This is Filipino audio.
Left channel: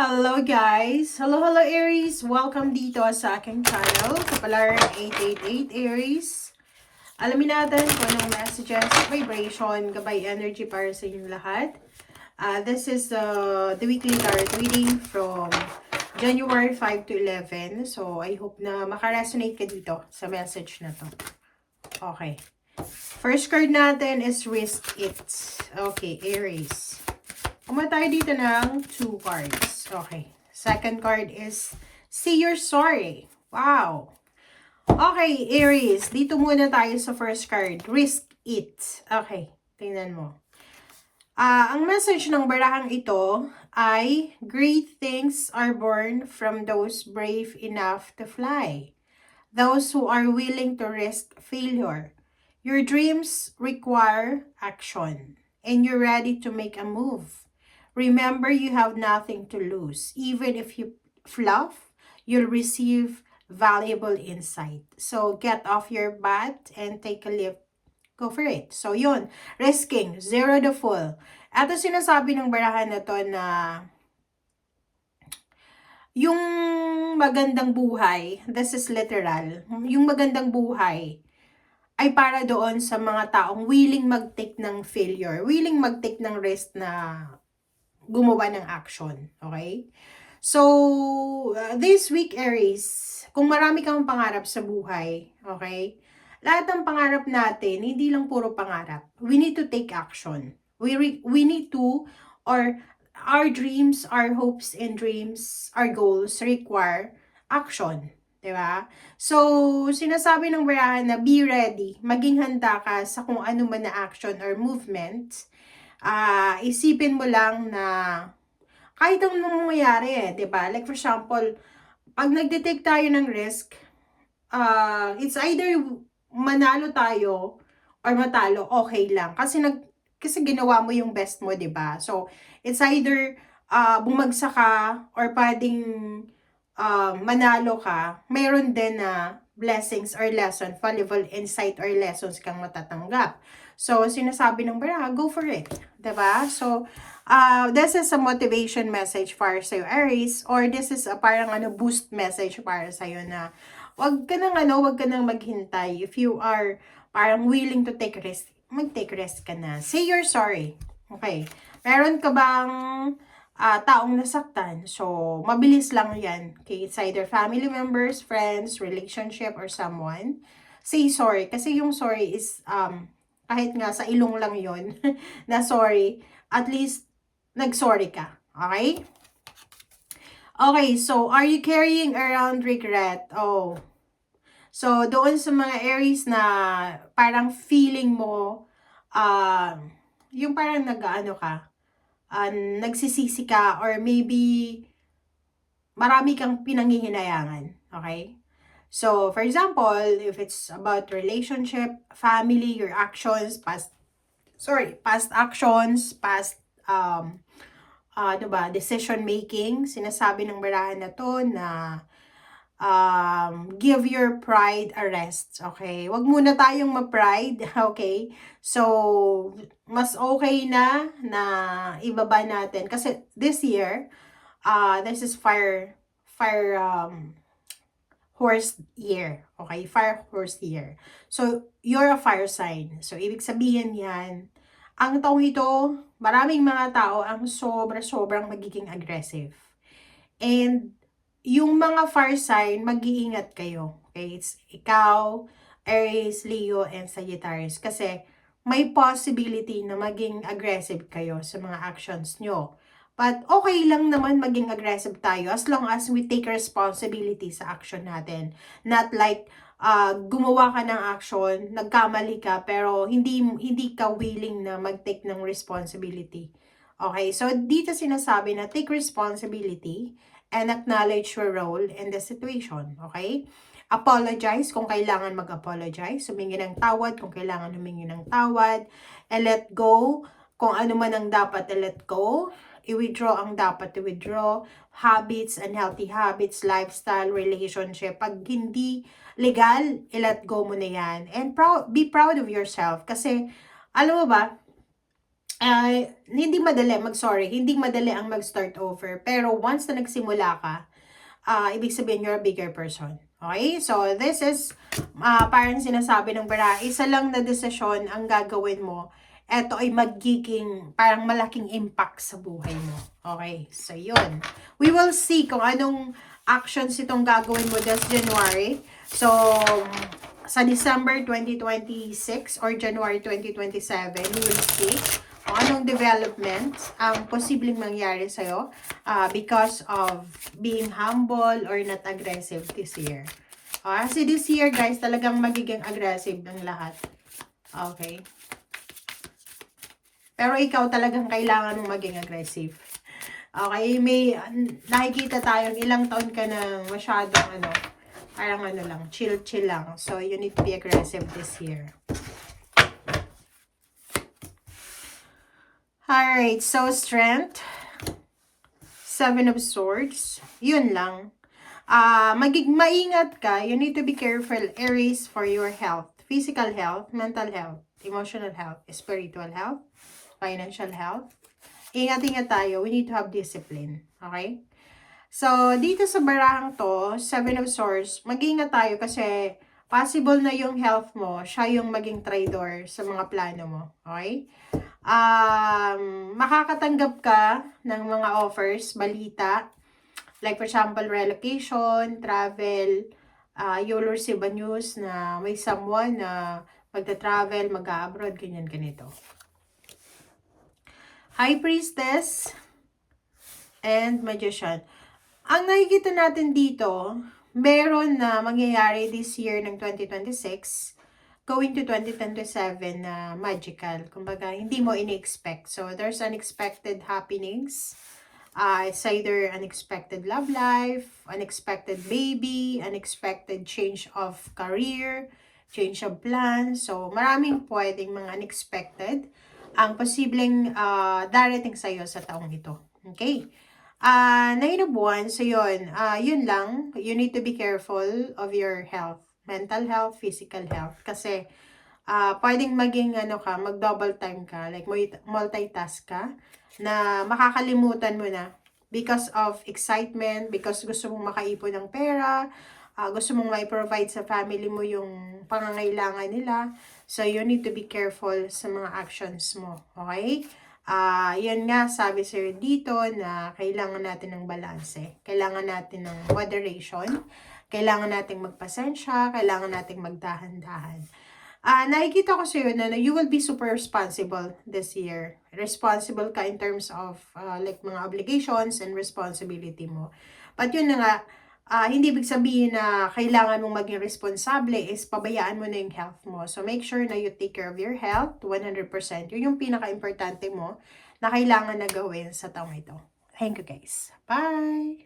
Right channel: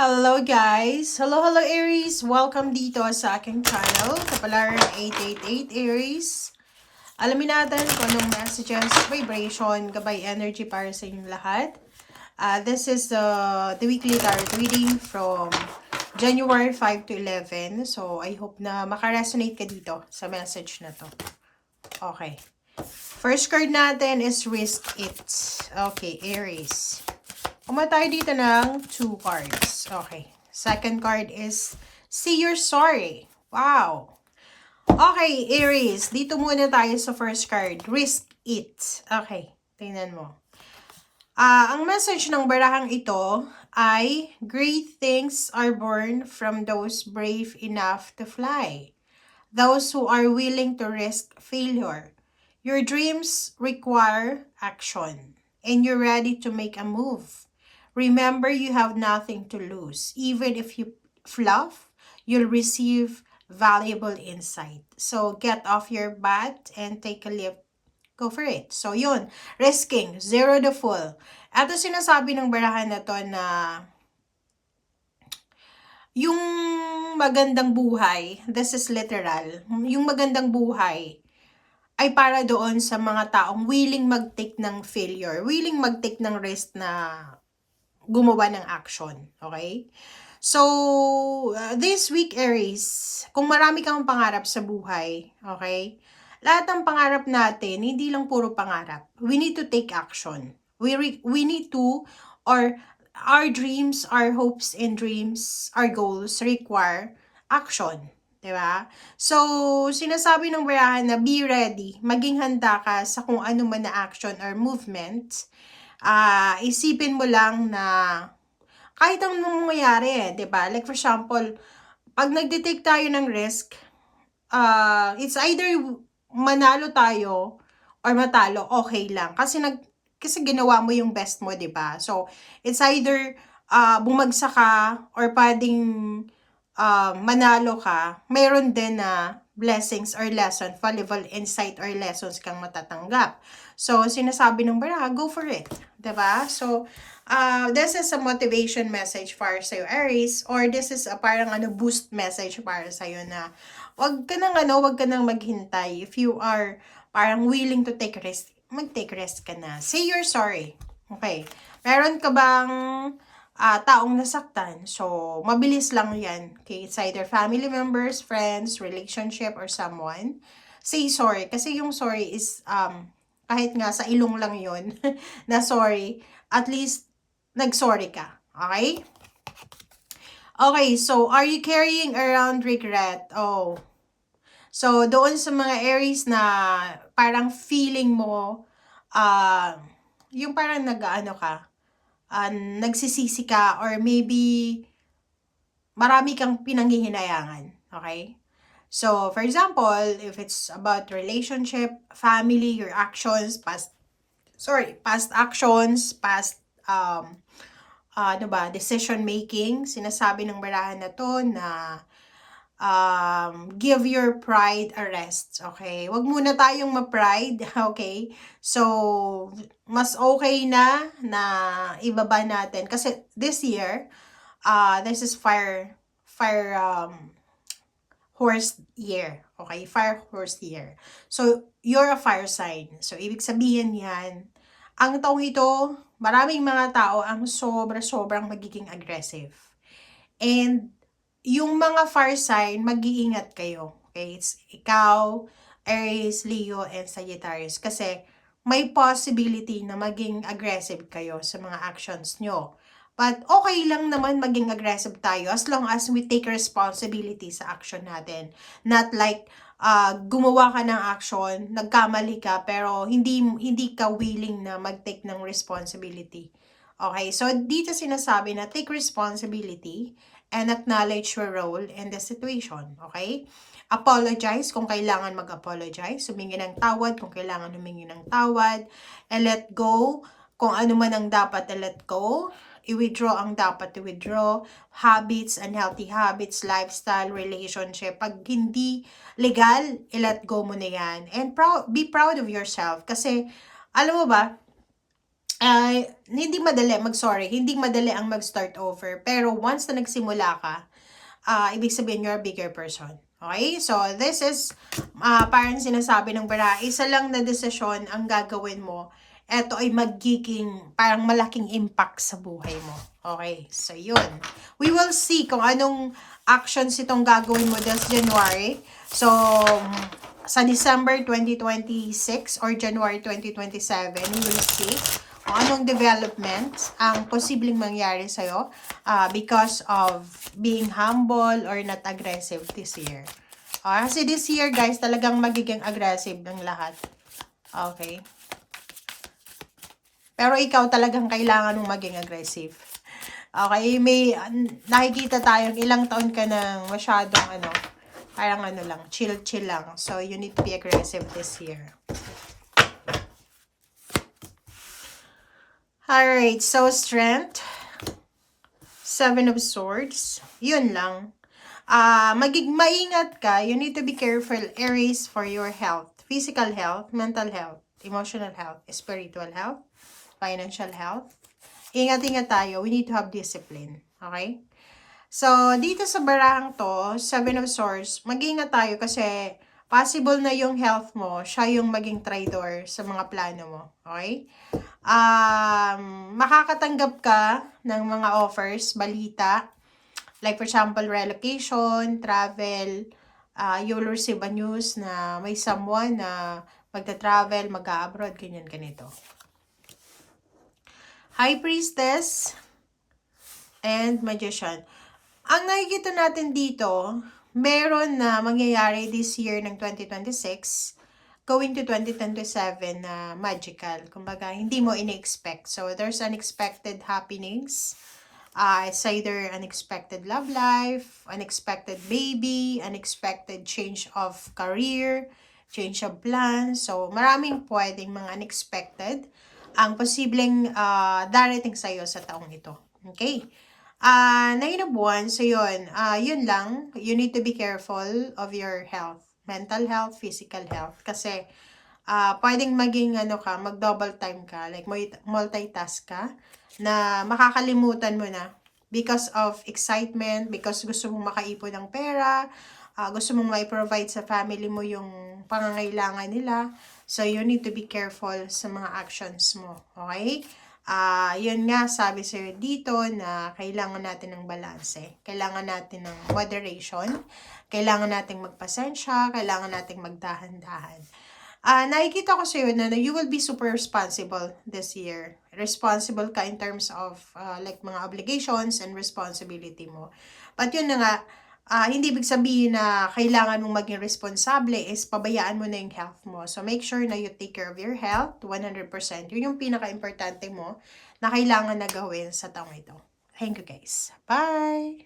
Hello guys! Hello Aries! Welcome dito sa aking channel, Kapalaran 888 Aries. Alamin natin kung anong messages, vibration, gabay energy para sa inyong lahat. This is the weekly tarot reading from January 5 to 11. So, I hope na makaresonate ka dito sa message na to. Okay. First card natin is Risk It. Okay, Aries. Kuma tayo dito ng 2 cards. Okay. Second card is Say You're Sorry. Wow. Okay, Aries. Dito muna tayo sa first card. Risk It. Okay. Tingnan mo. Ang message ng barahang ito ay great things are born from those brave enough to fly. Those who are willing to risk failure. Your dreams require action. And you're ready to make a move. Remember, you have nothing to lose. Even if you fluff, you'll receive valuable insight. So, get off your butt and take a leap. Go for it. So, yun. Risking. Zero the full. Ito sinasabi ng barahan na to na yung magandang buhay, this is literal, yung magandang buhay ay para doon sa mga taong willing mag-take ng failure, willing mag-take ng risk na gumawa ng action. Okay? So, this week, Aries, kung marami kang pangarap sa buhay, okay? Lahat ng pangarap natin, hindi lang puro pangarap. We need to take action. We need to, or our dreams, our hopes and dreams, our goals require action. Diba? So, sinasabi ng barahan na be ready, maging handa ka sa kung ano man na action or movement. Isipin mo lang na kahit anong mangyayari, 'di ba? Like for example, pag nagde-take tayo ng risk, it's either manalo tayo or matalo, okay lang. Kasi ginawa mo yung best mo, 'di ba? So, it's either bumagsak ka or pwedeng manalo ka. Mayroon din na blessings or lesson, valuable insight or lessons kang matatanggap. So, sinasabi ng baraha, go for it. 'Di ba? So, this is a motivation message para sa'yo, Aries, or this is a parang boost message para sa'yo na wag ka nang maghintay. If you are parang willing to take risk, mag-take risk ka na. Say you're sorry. Okay. Meron ka bang taong nasaktan? So, mabilis lang yan. Okay, it's either family members, friends, relationship, or someone. Say sorry. Kasi yung sorry is, kahit nga sa ilong lang yon na sorry, at least, nag-sorry ka. Okay? Okay, so, are you carrying around regret? Oh. So, doon sa mga Aries na parang feeling mo, yung parang nag-ano ka, nagsisisi ka, or maybe marami kang pinanghihinayangan. Okay? So, for example, if it's about relationship, family, your actions, past actions, past, decision making, sinasabi ng barahan na to na, give your pride a rest, okay? Wag muna tayong ma-pride, okay? So, mas okay na ibaba natin. Kasi this year, this is fire horse year, okay? Fire horse year. So, you're a fire sign. So, ibig sabihin yan, ang taong ito, maraming mga tao ang sobrang magiging aggressive. And, yung mga fire sign, mag-iingat kayo. Okay? It's ikaw, Aries, Leo, and Sagittarius. Kasi may possibility na maging aggressive kayo sa mga actions nyo. But okay lang naman maging aggressive tayo as long as we take responsibility sa action natin. Not like gumawa ka ng action, nagkamali ka, pero hindi ka willing na mag-take ng responsibility. Okay? So, dito sinasabi na take responsibility and acknowledge your role in the situation. Okay? Apologize kung kailangan mag-apologize. Humingi ng tawad kung kailangan humingi ng tawad. And let go kung ano man ang dapat i-let go. I-withdraw ang dapat i-withdraw. Habits, unhealthy habits, lifestyle, relationship. Pag hindi legal, i-let go mo na yan. And be proud of yourself. Kasi, alam mo ba, hindi madali hindi madali ang mag-start over. Pero once na nagsimula ka, ibig sabihin you're a bigger person. Okay? So, this is, parang sinasabi ng bara, isa lang na desisyon ang gagawin mo. Ito ay magiging parang malaking impact sa buhay mo. Okay? So, yun. We will see kung anong actions itong gagawin mo this January. So, sa December 2026 or January 2027, we will see kung anong developments ang posibleng mangyari sa'yo because of being humble or not aggressive this year. Kasi this year, guys, talagang magiging aggressive ng lahat. Okay? Pero ikaw talagang kailangan mong maging aggressive. Okay? May nakikita tayong ilang taon ka na masyadong parang lang, chill lang. So, you need to be aggressive this year. Alright, so strength. 7 of Swords. Yun lang. Maingat ka. You need to be careful, Aries, for your health. Physical health, mental health, emotional health, spiritual health, financial health. Ingat-ingat tayo. We need to have discipline. Okay? So, dito sa barahang to, 7 of Swords, mag-ingat tayo kasi possible na yung health mo, siya yung maging traitor sa mga plano mo. Okay? Makakatanggap ka ng mga offers, balita, like for example, relocation, travel, you'll receive a news na may someone na magta-travel, mag-abroad, ganyan, ganito. High Priestess and Magician. Ang nakikita natin dito, meron na mangyayari this year ng 2026, going to 2027 na magical. Kumbaga, hindi mo ini-expect. So, there's unexpected happenings. It's either unexpected love life, unexpected baby, unexpected change of career, change of plans. So, maraming pwedeng mga unexpected ang posibleng darating sa'yo sa taong ito. Okay? 9 of Wands, so yun lang. You need to be careful of your health. Mental health, physical health. Kasi, pwedeng maging mag-double time ka, like multitask ka, na makakalimutan mo na because of excitement, because gusto mong makaipon ng pera, gusto mong mai-provide sa family mo yung pangangailangan nila. So, you need to be careful sa mga actions mo. Okay? Yun nga, sabi sir dito na kailangan natin ng balanse. Kailangan natin ng moderation. Kailangan natin magpasensya. Kailangan natin magdahan-dahan. Nakikita ko sa'yo na you will be super responsible this year. Responsible ka in terms of like mga obligations and responsibility mo. But yun na nga, hindi ibig sabihin na kailangan mong maging responsable is pabayaan mo na yung health mo. So, make sure na you take care of your health 100%. Yun yung pinaka-importante mo na kailangan na gawin sa taong ito. Thank you guys. Bye!